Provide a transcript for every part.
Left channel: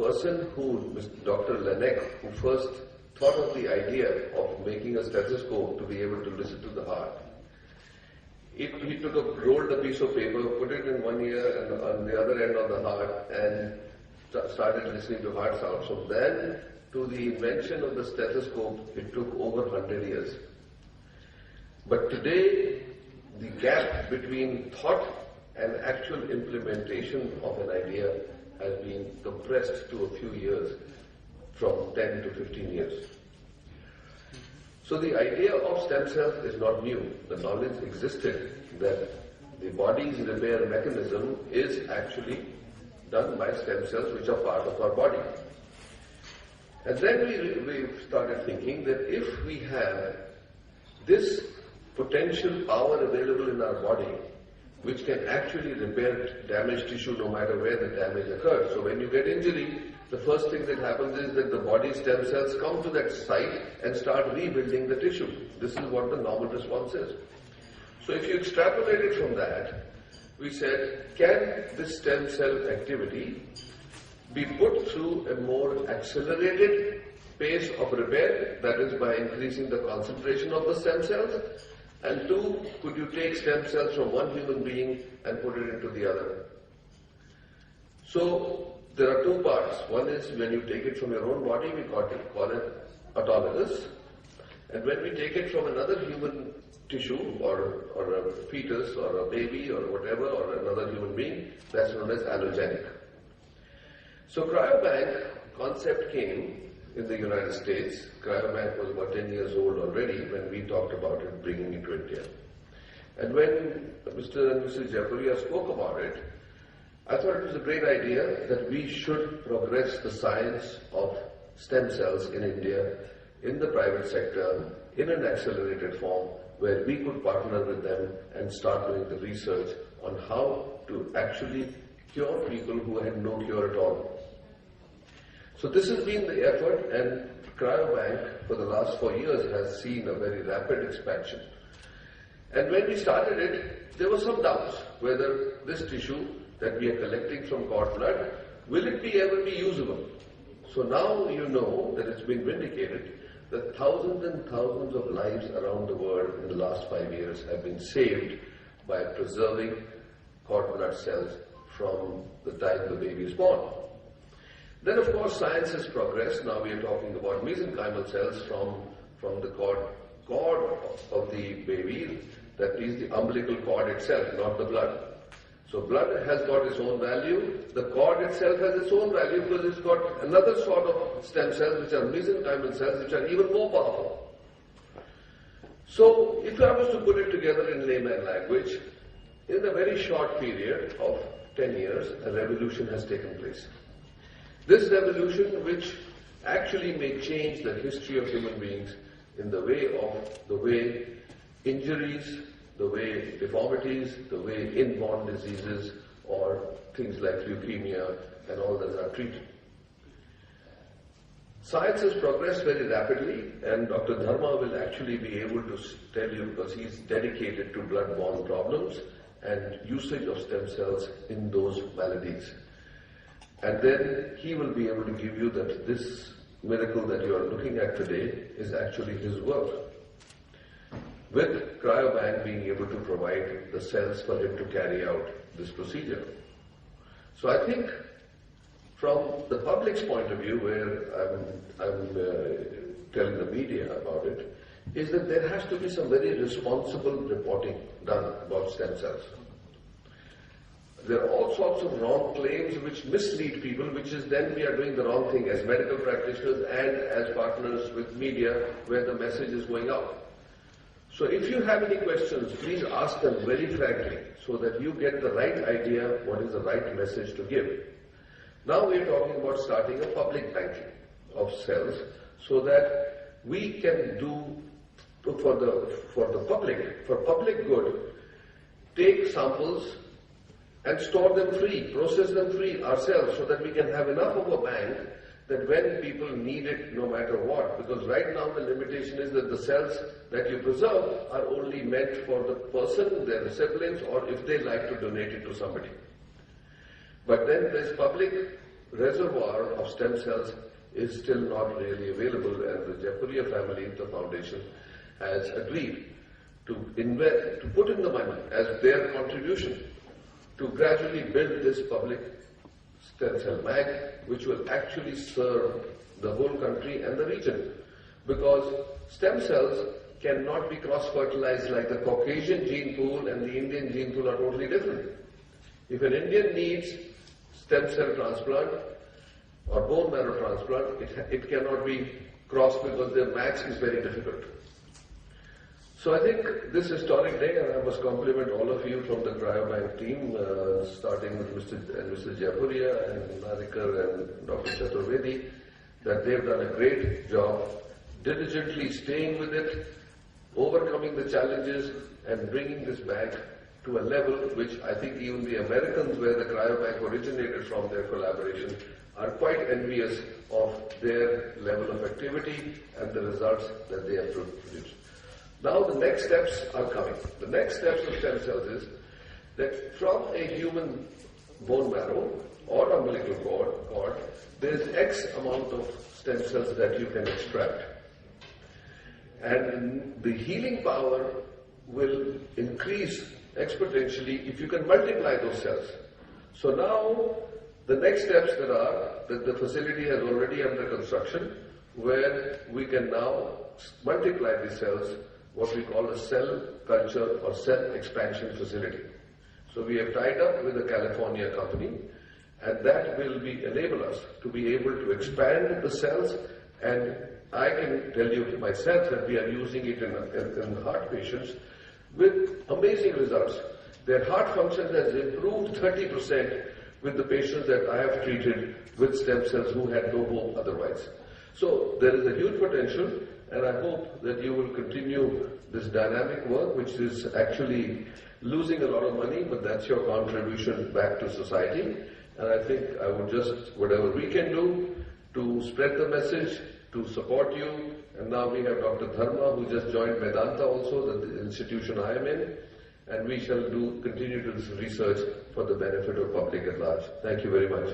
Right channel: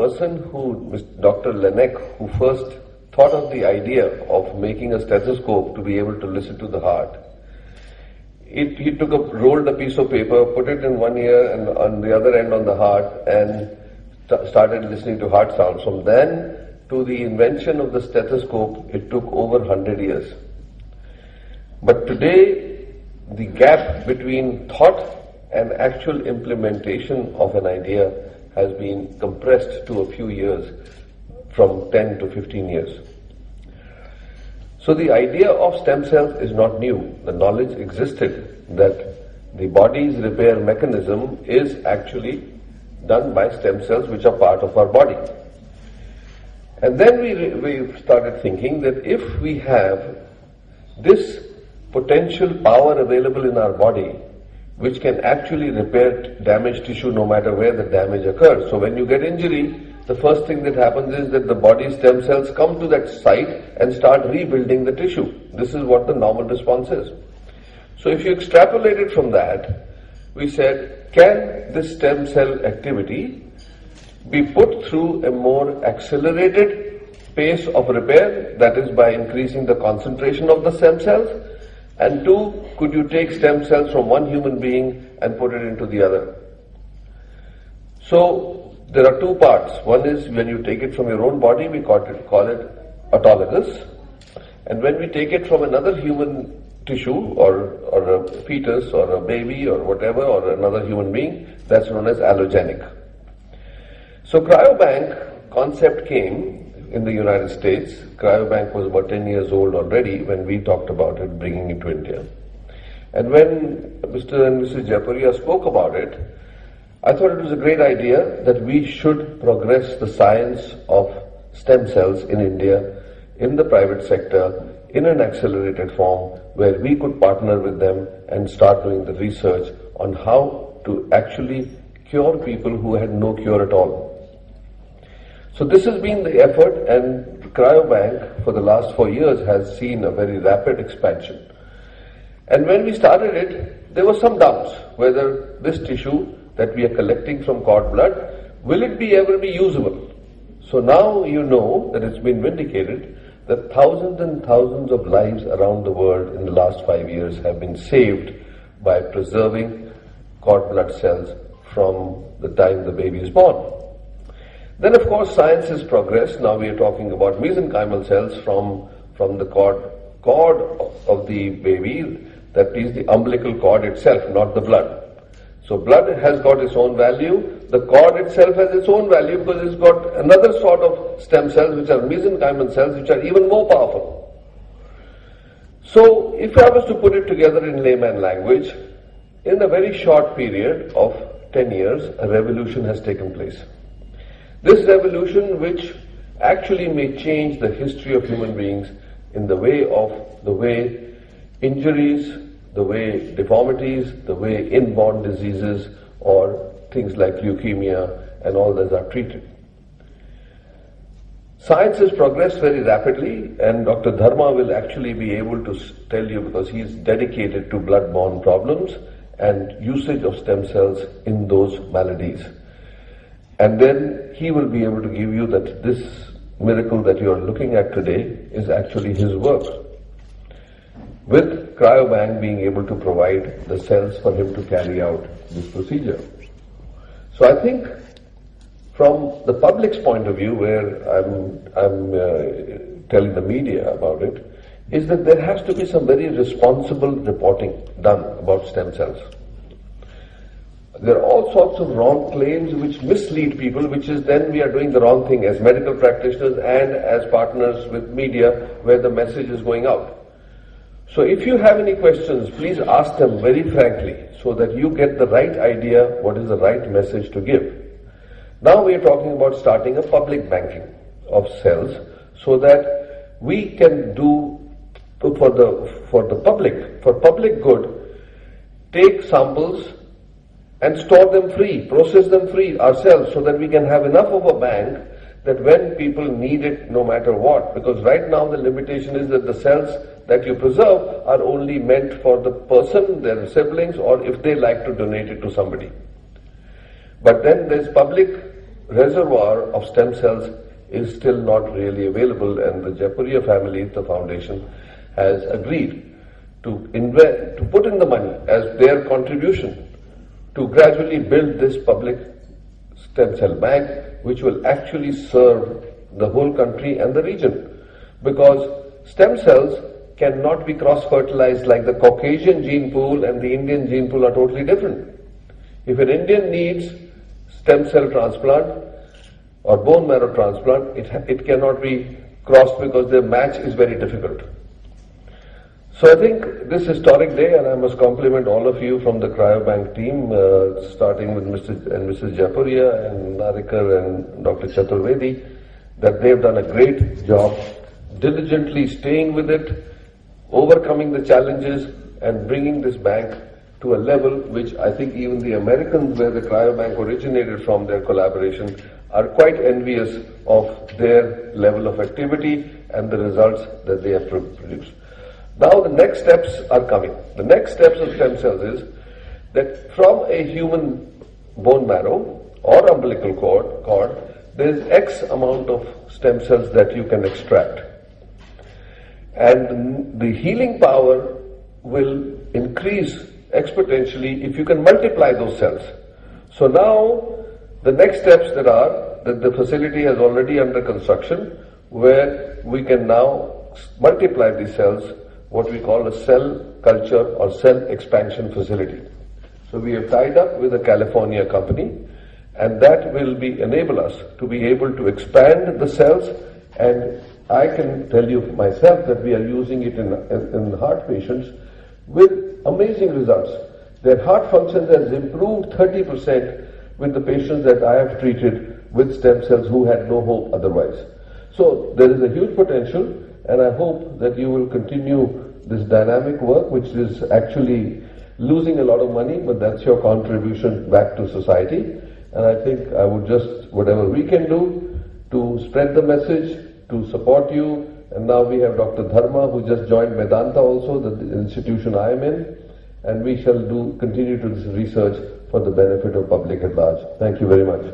person who was Dr. Laennec, who first thought of the idea of making a stethoscope to be able to listen to the heart. He rolled a piece of paper, put it in one ear and on the other end on the heart, and started listening to heart sounds. From then to the invention of the stethoscope, it took over 100 years. But today, the gap between thought and actual implementation of an idea has been compressed to a few years, from 10 to 15 years. So the idea of stem cells is not new. The knowledge existed that the body's repair mechanism is actually done by stem cells which are part of our body. And then we started thinking that if we have this potential power available in our body, which can actually repair damaged tissue no matter where the damage occurs. So when you get injury, the first thing that happens is that the body's stem cells come to that site and start rebuilding the tissue. This is what the normal response is. So if you extrapolate it from that, we said, can this stem cell activity be put through a more accelerated pace of repair, that is by increasing the concentration of the stem cells? And two, could you take stem cells from one human being and put it into the other? So there are two parts. One is when you take it from your own body, we call it autologous. And when we take it from another human tissue or a fetus or a baby or whatever, or another human being, that's known as allogenic. So cryobank concept came in the United States. Cryobank was about 10 years old already when we talked about it, bringing it to India. And when Mr. and Mrs. Jayapuria spoke about it, I thought it was a great idea that we should progress the science of stem cells in India, in the private sector, in an accelerated form, where we could partner with them and start doing the research on how to actually cure people who had no cure at all. So this has been the effort, and Cryobank for the last 4 years has seen a very rapid expansion. And when we started it, there were some doubts whether this tissue that we are collecting from cord blood, will it be ever be usable? So now you know that it's been vindicated that thousands and thousands of lives around the world in the last 5 years have been saved by preserving cord blood cells from the time the baby is born. Then of course science has progressed. Now we are talking about mesenchymal cells from the cord of the baby, that is the umbilical cord itself, not the blood. So blood has got its own value, the cord itself has its own value because it's got another sort of stem cells which are mesenchymal cells which are even more powerful. So if I was to put it together in layman language, in a very short period of 10 years, a revolution has taken place. This revolution which actually may change the history of human beings in the way injuries, the way deformities, the way inborn diseases or things like leukemia and all those are treated. Science has progressed very rapidly, and Dr. Dharma will actually be able to tell you, because he is dedicated to blood-borne problems and usage of stem cells in those maladies. And then he will be able to give you that this miracle that you are looking at today is actually his work, with Cryobank being able to provide the cells for him to carry out this procedure. So I think from the public's point of view, where I'm telling the media about it, is that there has to be some very responsible reporting done about stem cells. There are all sorts of wrong claims which mislead people, which is then we are doing the wrong thing as medical practitioners and as partners with media where the message is going out. So if you have any questions, please ask them very frankly so that you get the right idea what is the right message to give. Now we are talking about starting a public banking of cells so that we can do for public good, take samples and store them free, process them free ourselves so that we can have enough of a bank that when people need it no matter what, because right now the limitation is that the cells that you preserve are only meant for the person, their siblings, or if they like to donate it to somebody. But then there's public reservoir of stem cells is still not really available, and the Jaipuria family, the foundation, has agreed to invest, to put in the money as their contribution to gradually build this public stem cell bank, which will actually serve the whole country and the region. Because stem cells cannot be cross-fertilized like the Caucasian gene pool and the Indian gene pool are totally different. If an Indian needs stem cell transplant or bone marrow transplant, it cannot be crossed because the match is very difficult. So I think this historic day, and I must compliment all of you from the cryobank team, starting with Mr. and Mrs. Jaipuria and Narikar and Dr. Chaturvedi, that they've done a great job, diligently staying with it, overcoming the challenges and bringing this bank to a level which I think even the Americans, where the cryobank originated from, their collaboration, are quite envious of their level of activity and the results that they have produced. Now the next steps are coming. The next steps of stem cells is that from a human bone marrow or umbilical cord, there is X amount of stem cells that you can extract. And the healing power will increase exponentially if you can multiply those cells. So now the next steps that the facility has already under construction, where we can now multiply these cells, what we call a cell culture or cell expansion facility. So we have tied up with a California company, and that will enable us to be able to expand the cells. And I can tell you myself that we are using it in heart patients with amazing results. Their heart function has improved 30% with the patients that I have treated with stem cells who had no hope otherwise. So there is a huge potential, and I hope that you will continue this dynamic work, which is actually losing a lot of money, but that's your contribution back to society. And I think I would just, whatever we can do to spread the message, to support you. And now we have Dr. Dharma, who just joined Vedanta also, the institution I am in, and we shall continue to do this research for the benefit of public at large. Thank you very much.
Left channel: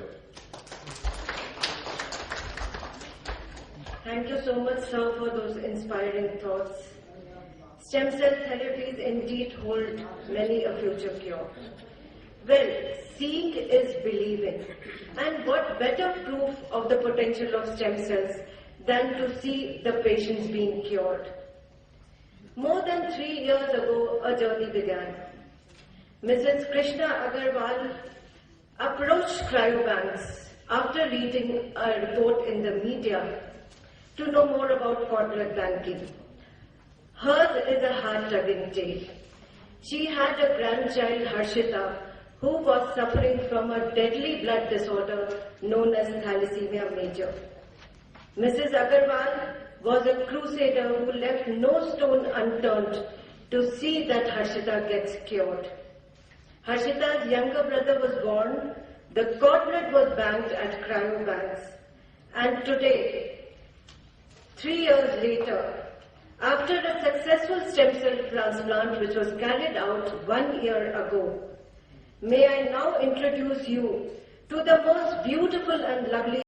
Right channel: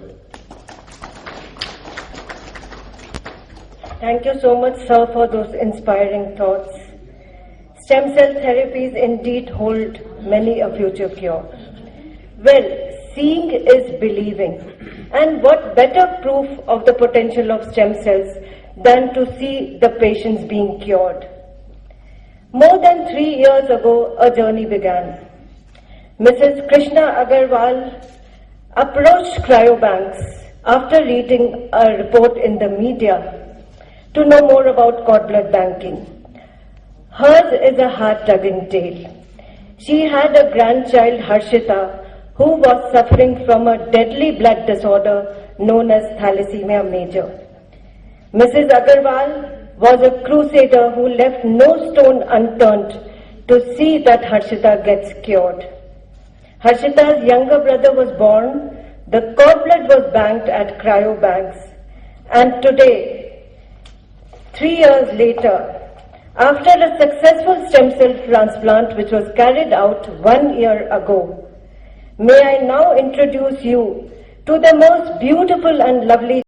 Thank you so much, sir, for those inspiring thoughts. Stem cell therapies indeed hold many a future cure. Well, seeing is believing. And what better proof of the potential of stem cells than to see the patients being cured? More than 3 years ago, a journey began. Mrs. Krishna Agarwal approached crayobanks after reading a report in the media to know more about cord blood banking. Hers is a heart-tugging tale. She had a grandchild, Harshita, who was suffering from a deadly blood disorder known as thalassemia major. Mrs. Agarwal was a crusader who left no stone unturned to see that Harshita gets cured. Harshita's younger brother was born, the cord blood was banked at cryobanks, and today, 3 years later, after a successful stem cell transplant which was carried out 1 year ago, may I now introduce you to the most beautiful and lovely